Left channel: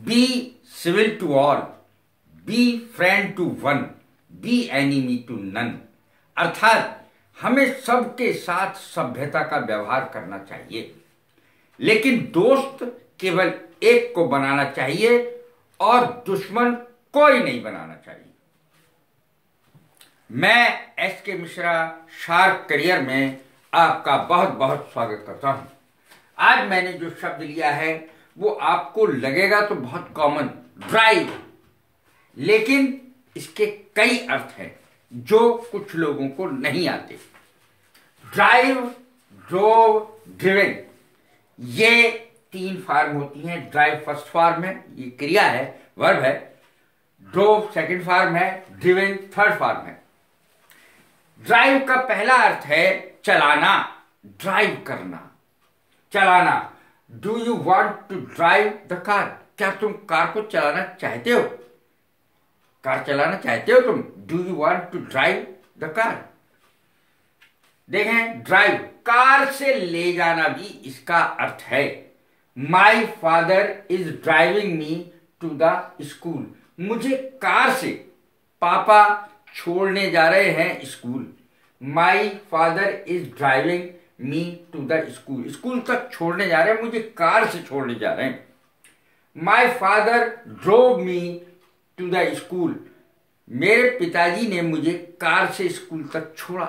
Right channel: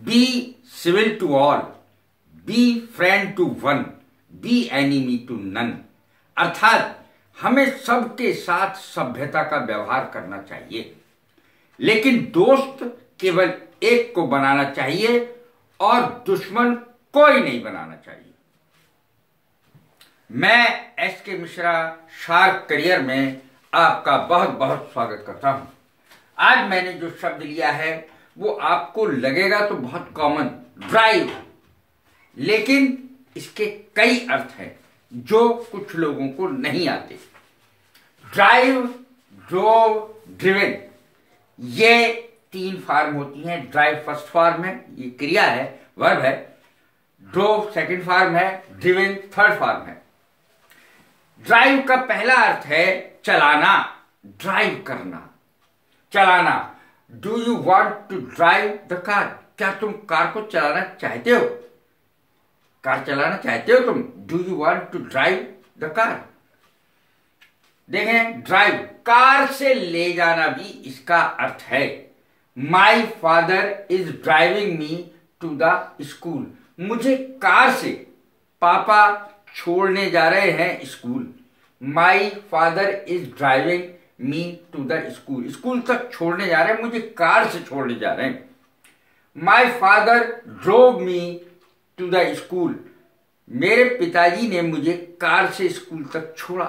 B civil to all, be friend to one, be enemy to none. अर्थात हमें सबके साथ सभ्यता का व्यवहार करना चाहिए, लेकिन दोस्त केवल एक को बनाना चाहिए और दुश्मन कोई नहीं बनाना चाहिए। मैं एस के मिश्रा शार्क करियर में आपका बहुत बहुत स्वागत करता हूं। आज मैंने जो शब्द लिया है वो आपको लगेगा तो बहुत कॉमन, ड्राइव, लेकिन इसके कई अर्थ हैं जो कुछ लोगों को नहीं आते। ड्राइव, ड्रोव, ड्रिवन, ये 3 फॉर्म होती हैं। ड्राइव फर्स्ट फॉर्म है, ये क्रिया है, वर्ब है। ड्रोव सेकंड फॉर्म है, ड्रिवन थर्ड फॉर्म है। ड्राइव का पहला अर्थ है चलाना, ड्राइव करना, चलाना। Do you want to drive the car? क्या तुम कार को चलाना चाहते हो? कार चलाना चाहते हो तुम? Do you want to drive the car? देखें, ड्राइव कार से ले जाना भी इसका अर्थ है। My father is driving me to the school. मुझे कार से पापा छोड़ने जा रहे हैं school. My father is driving me to the school. School तक छोड़ने जा रहे हैं, मुझे कार से छोड़ने जा रहे हैं। My father drove me to the school. मेरे पिताजी ने मुझे कार से स्कूल तक छोड़ा।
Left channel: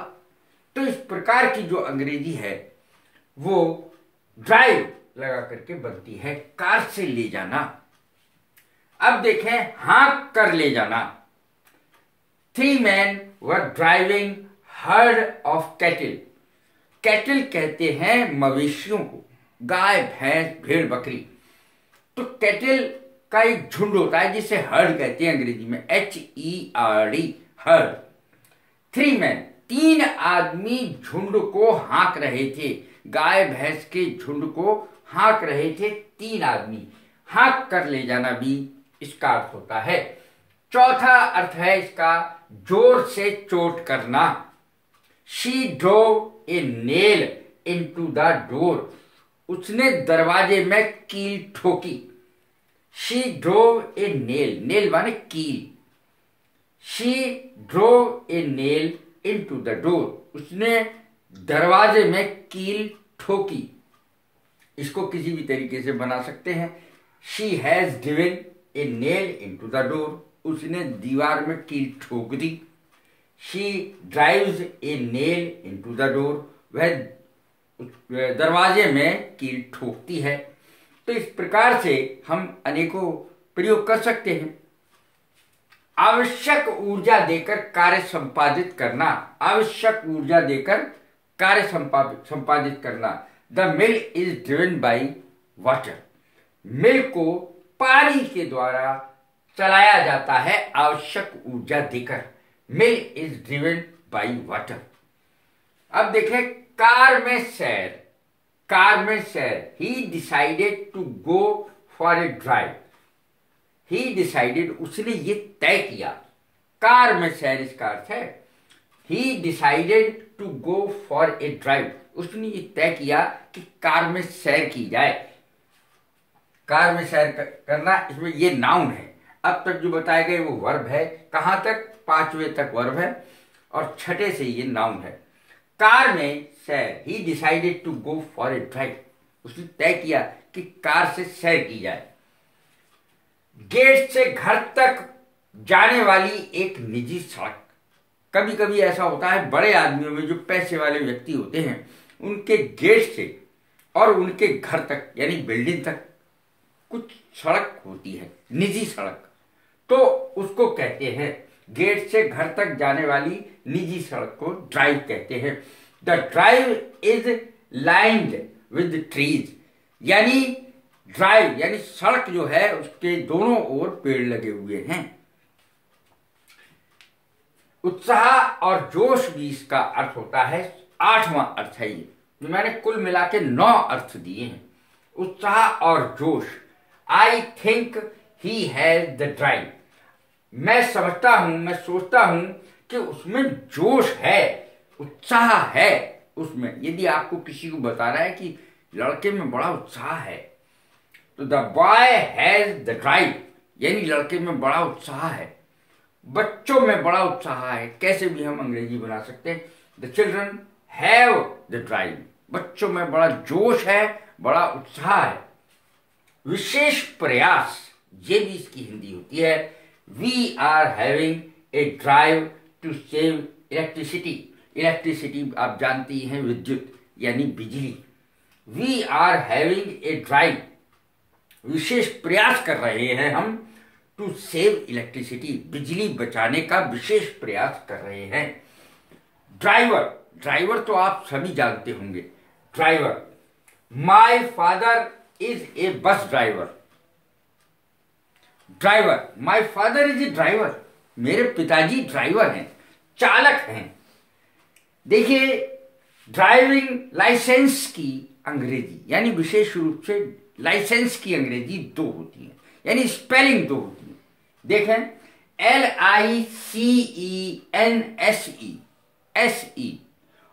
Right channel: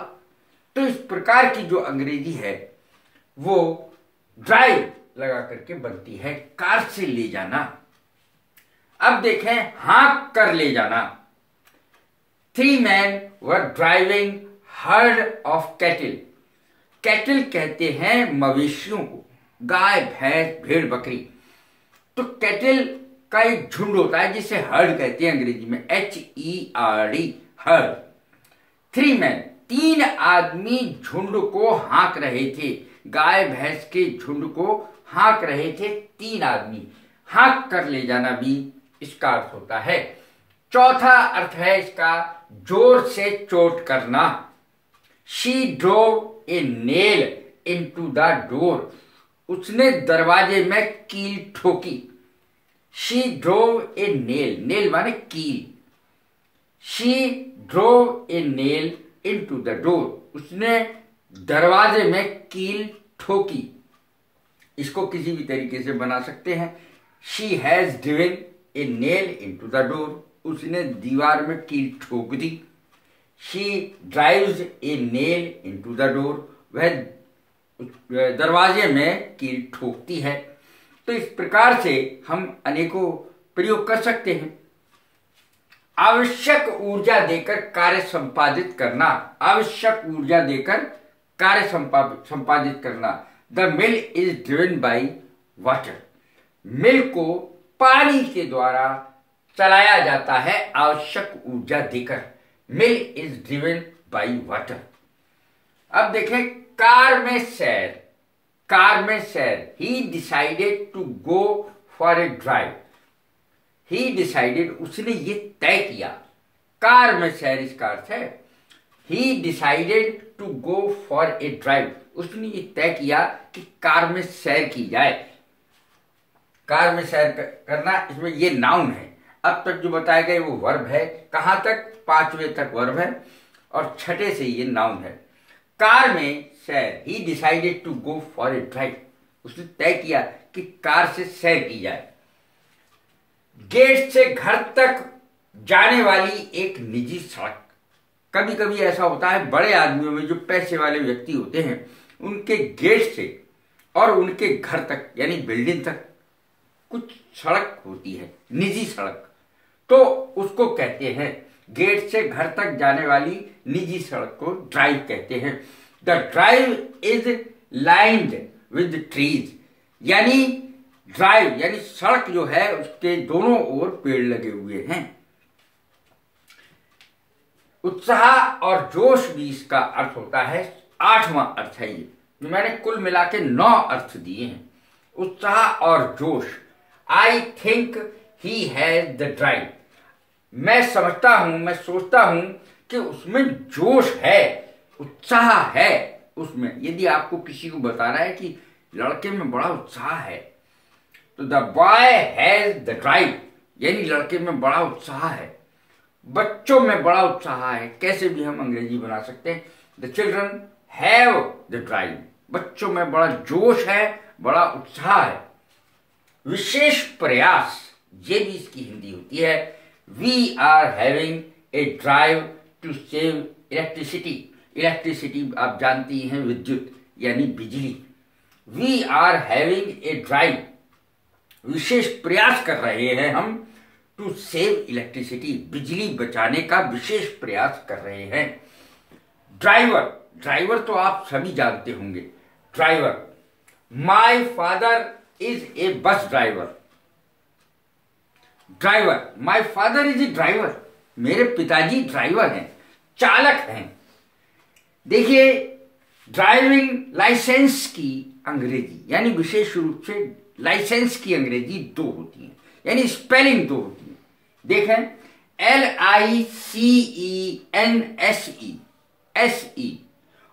तो इस प्रकार की जो अंग्रेजी है वो ड्राइव लगा करके बनती है, कार से ले जाना। अब देखें, हाँक कर ले जाना। 3 men were driving herd of cattle। Cattle कहते हैं मवेशियों को, गाय, भैंस, भेड़, बकरी। तो कैटल का एक झुंड होता है जिसे हर्ड कहते हैं अंग्रेजी में, HERD, हर्ड। 3 men, 3 आदमी झुंड को हाँक रहे थे, गाय भैंस के झुंड को हाँक रहे थे 3 आदमी। हाँक कर ले जाना भी इसका अर्थ होता है। चौथा अर्थ है इसका जोर से चोट करना। She drove a nail into the door। उसने दरवाजे में कील ठोकी। She drove a nail, nail माने कील। She drove a nail into the door। उसने दरवाजे में कील ठोकी। इसको किसी भी तरीके से बना सकते हैं। She has driven a nail into the door। उसने दीवार में कील ठोक दी। She drives a nail into the door। वह दरवाजे में कील ठोकती है। तो इस प्रकार से हम अनेकों प्रयोग कर सकते हैं। आवश्यक ऊर्जा देकर कार्य संपादित करना, आवश्यक ऊर्जा देकर कार्य संपादित करना। The mill is driven by water. Mill को पानी के द्वारा चलाया जाता है आवश्यक ऊर्जा देकर। Mill is driven by water. अब देखें, कार में सैर, कार में सैर। He decided to go for a drive. He decided, उसने ये तय किया। कार में सैर इसका अर्थ है। He decided to go for a drive. उसने ये तय किया कि कार में सैर की जाए। कार में सैर करना, इसमें ये नाउन है। अब तक जो बताए गए वो वर्ब है। कहां तक? 5वें तक वर्ब है और 6ठे से ये नाउन है। कार में सैर। He decided to go for a drive. उसने तय किया कि कार से सैर की जाए। गेट से घर तक जाने वाली एक निजी सड़क। कभी कभी ऐसा होता है, बड़े आदमियों में जो पैसे वाले व्यक्ति होते हैं, उनके गेट से और उनके घर तक यानी बिल्डिंग तक कुछ सड़क होती है, निजी सड़क। तो उसको कहते हैं, गेट से घर तक जाने वाली निजी सड़क को ड्राइव कहते हैं। The drive is lined with trees. यानी ड्राइव यानी सड़क जो है उसके दोनों ओर पेड़ लगे हुए हैं। उत्साह और जोश भी इसका अर्थ होता है। 8वां अर्थ है ये। मैंने कुल मिला के 9 अर्थ दिए हैं। उत्साह और जोश। I think he has the drive. मैं समझता हूं, मैं सोचता हूं कि उसमें जोश है, उत्साह है उसमें। यदि आपको किसी को बताना है कि लड़के में बड़ा उत्साह है, तो the boy has the drive, यानी लड़के में बड़ा उत्साह है, बच्चों में बड़ा उत्साह है। कैसे भी हम अंग्रेजी बना सकते हैं, the children have the drive, बच्चों में बड़ा जोश है, बड़ा उत्साह है। विशेष प्रयास, ये भी इसकी हिंदी होती है। We are having a drive to save electricity, electricity आप जानती हैं विद्युत यानी बिजली। We are having a drive, विशेष प्रयास कर रहे हैं हम, टू सेव इलेक्ट्रिसिटी, बिजली बचाने का विशेष प्रयास कर रहे हैं। ड्राइवर, ड्राइवर तो आप सभी जानते होंगे, driver. My father is a bus driver, driver, my father is a driver, मेरे पिताजी ड्राइवर हैं, चालक हैं। देखिए, ड्राइविंग लाइसेंस की अंग्रेजी यानी विशेष रूप से लाइसेंस की अंग्रेजी दो होती है, यानी स्पेलिंग दो होती है। देखें, LICENSE, SE,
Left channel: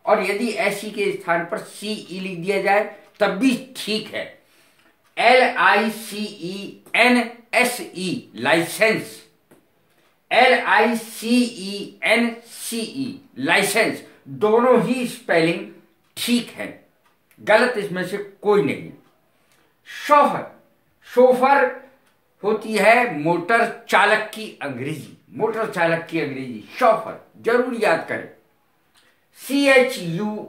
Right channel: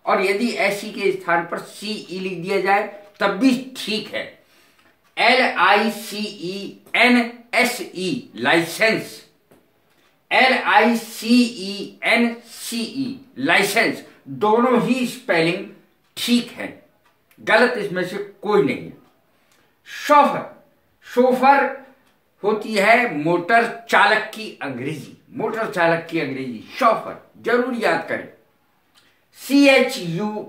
और यदि SE के स्थान पर CE लिख दिया जाए तब भी ठीक है। LICENSE लाइसेंस, LICENCE लाइसेंस, दोनों ही स्पेलिंग ठीक है, गलत इसमें से कोई नहीं है। शोफर, शोफर होती है मोटर चालक की अंग्रेजी, मोटर चालक की अंग्रेजी शोफर, जरूर याद करें। CHUFFEUR,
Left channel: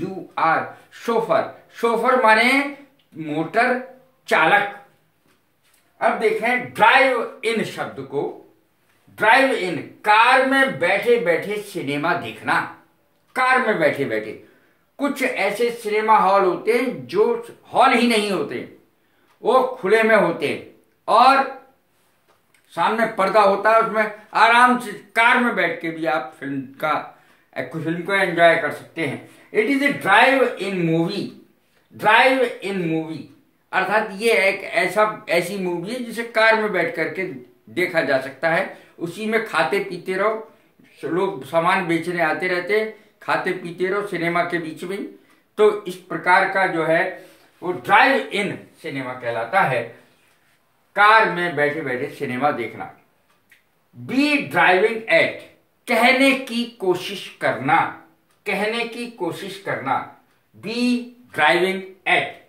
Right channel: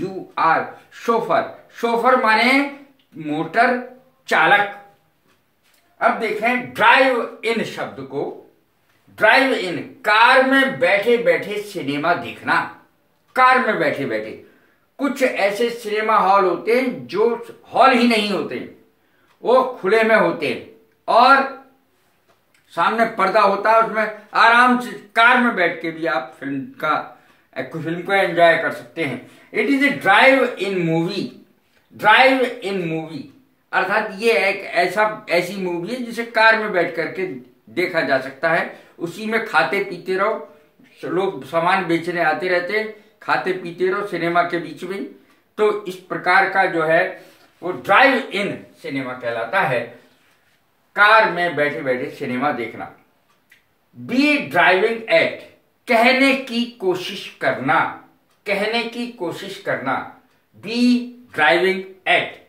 CHAUFFEUR, शोफर, शोफर माने मोटर चालक। अब देखें ड्राइव इन शब्द को, ड्राइव इन, कार में बैठे बैठे सिनेमा देखना, कार में बैठे बैठे। कुछ ऐसे सिनेमा हॉल होते हैं जो हॉल ही नहीं होते, वो खुले में होते हैं और सामने पर्दा होता है, उसमें आराम से कार में बैठ के भी आप फिल्म को एंजॉय कर सकते हैं। It is a drive in movie, drive in movie अर्थात ये एक ऐसी मूवी है जिसे कार में बैठ करके देखा जा सकता है। उसी में खाते पीते रहो, लोग सामान बेचने आते रहते, खाते पीते रहो सिनेमा के बीच में। तो इस प्रकार का जो है वो ड्राइव इन सिनेमा कहलाता है, कार में बैठे बैठे सिनेमा देखना। बी ड्राइविंग एट, कहने की कोशिश करना, कहने की कोशिश करना। बी ड्राइविंग एट,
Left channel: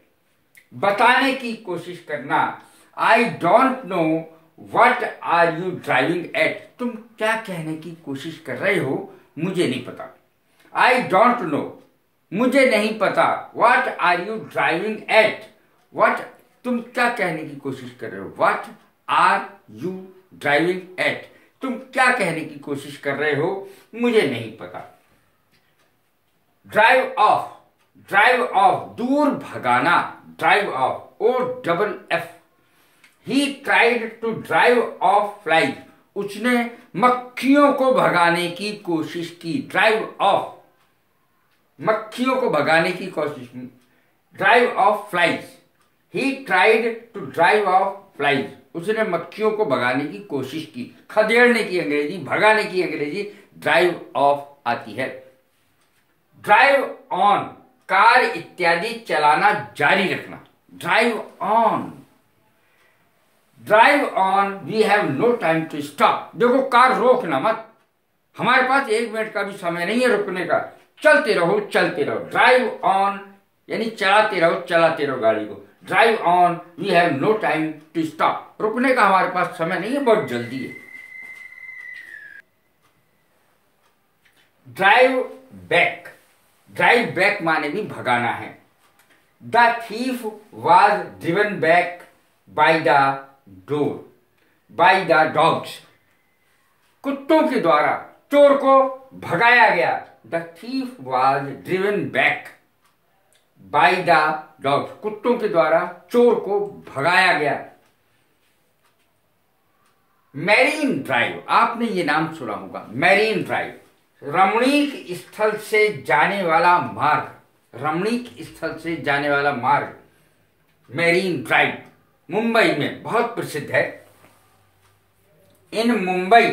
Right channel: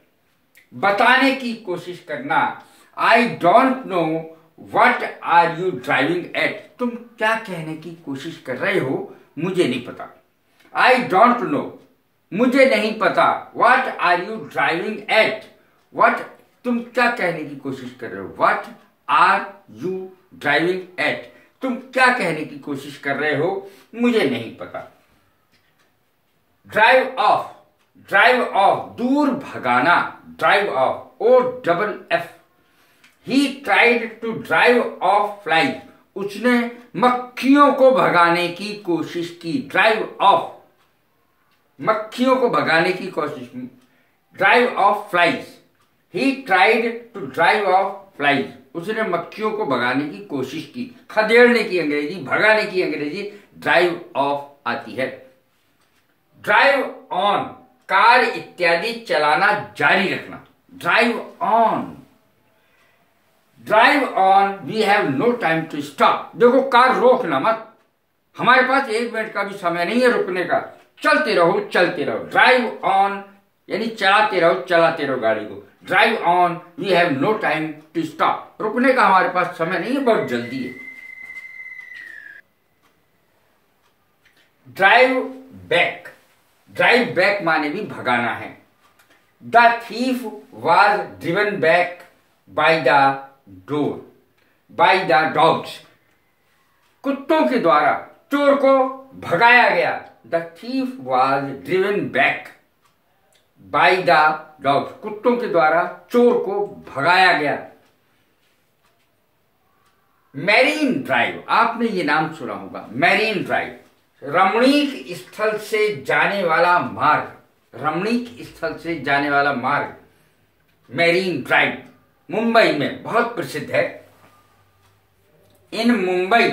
बताने की कोशिश करना। I don't know what are you driving at, तुम क्या कहने की कोशिश कर रहे हो, मुझे नहीं पता। आई डोंट नो, मुझे नहीं पता। What are you driving at, what, तुम क्या कहने की कोशिश कर रहे हो। What are you driving at, तुम क्या कहने की कोशिश कर रहे हो, मुझे नहीं पता। ड्राइव ऑफ, ड्राइव ऑफ, दूर भगाना, drive off, OFF। He tried to drive off flies, उसने मक्खियों को भगाने की कोशिश की। ड्राइव ऑफ, मक्खियों को भगाने की कोशिश की। Drive off flies, he tried to drive off flies, उसने मक्खियों को भगाने की कोशिश की। खदेड़ने की अंग्रेजी, भगाने की अंग्रेजी ड्राइव ऑफ आती है। ड्राइव ऑन, कार इत्यादि चलाना जारी रखना। Drive on, drive on, we have no time to stop, देखो कार रोकना मत, हमारे पास 1 मिनट का भी समय नहीं है रुकने का, चलते रहो चलते रहो। ड्राइव ऑन यानी चलाते रहो गाड़ी को। Drive on, we have no time to stop, रुकने का हमारे पास समय नहीं है, बहुत जल्दी है। ड्राइव बैक, ड्राइव बैक माने भी भगाना है। The thief was driven back by the door, by the dogs, कुत्तों के द्वारा चोर को भगाया गया। The thief was driven back by the dogs, कुत्तों के द्वारा चोर को भगाया गया। मैरीन ड्राइव, आपने ये नाम सुना होगा, मैरीन ड्राइव, रमणीक स्थल से जाने वाला मार्ग, रमणीक स्थल से जाने वाला मार्ग, मैरीन ड्राइव मुंबई में बहुत प्रसिद्ध है। In Mumbai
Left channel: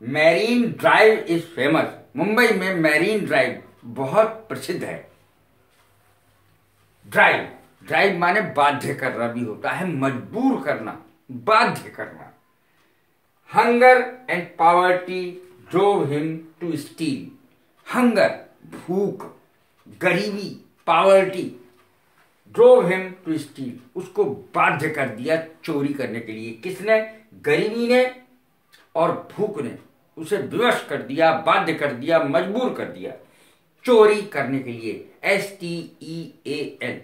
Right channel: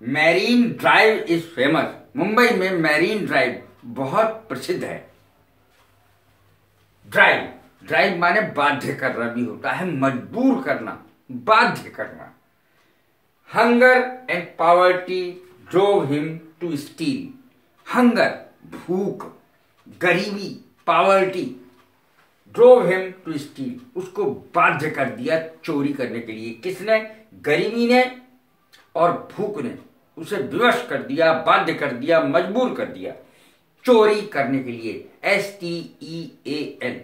Marine Drive is famous. Mumbai में मैरीन ड्राइव बहुत प्रसिद्ध है। ड्राइव, ड्राइव माने बाध्य करना भी होता है, मजबूर करना, बाध्य करना। Hunger and poverty drove him to steal. Hunger, भूख, गरीबी, poverty drove him to steal, उसको बाध्य कर दिया चोरी करने के लिए। किसने? गरीबी ने और भूख ने उसे विवश कर दिया, बाध्य कर दिया, मजबूर कर दिया चोरी करने के लिए। STEAL,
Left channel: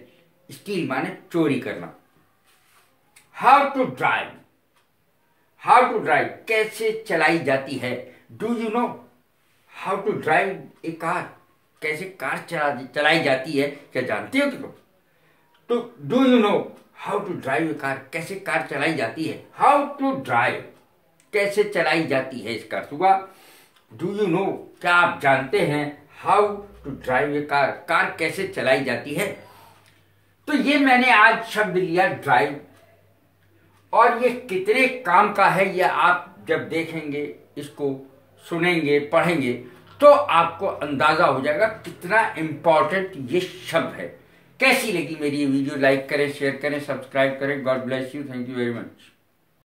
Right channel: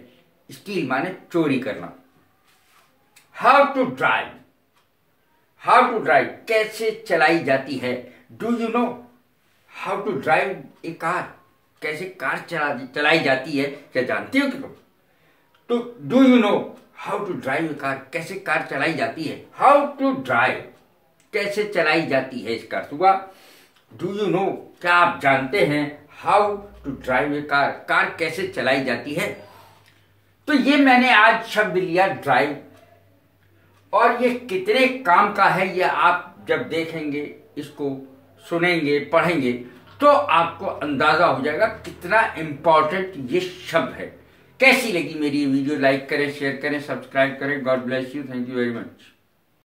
स्टील माने चोरी करना। How to drive, how to drive कैसे चलाई जाती है। Do you know how to drive a car, कैसे कार चलाई जाती है, क्या जानती हो कि तुम? तो do you know how to drive a car, कैसे कार चलाई जाती है। हाउ टू ड्राइव कैसे चलाई जाती है, इसका अर्थ हुआ डू यू नो, क्या आप जानते हैं, how to drive a car, car कैसे चलाई जाती है। तो ये मैंने आज शब्द लिया ड्राइव, और ये कितने काम का है ये आप जब देखेंगे, इसको सुनेंगे, पढ़ेंगे, तो आपको अंदाजा हो जाएगा कितना इंपॉर्टेंट ये शब्द है। कैसी लगी मेरी ये वीडियो? लाइक करें, शेयर करें, सब्सक्राइब करें। God bless you, thank you very much.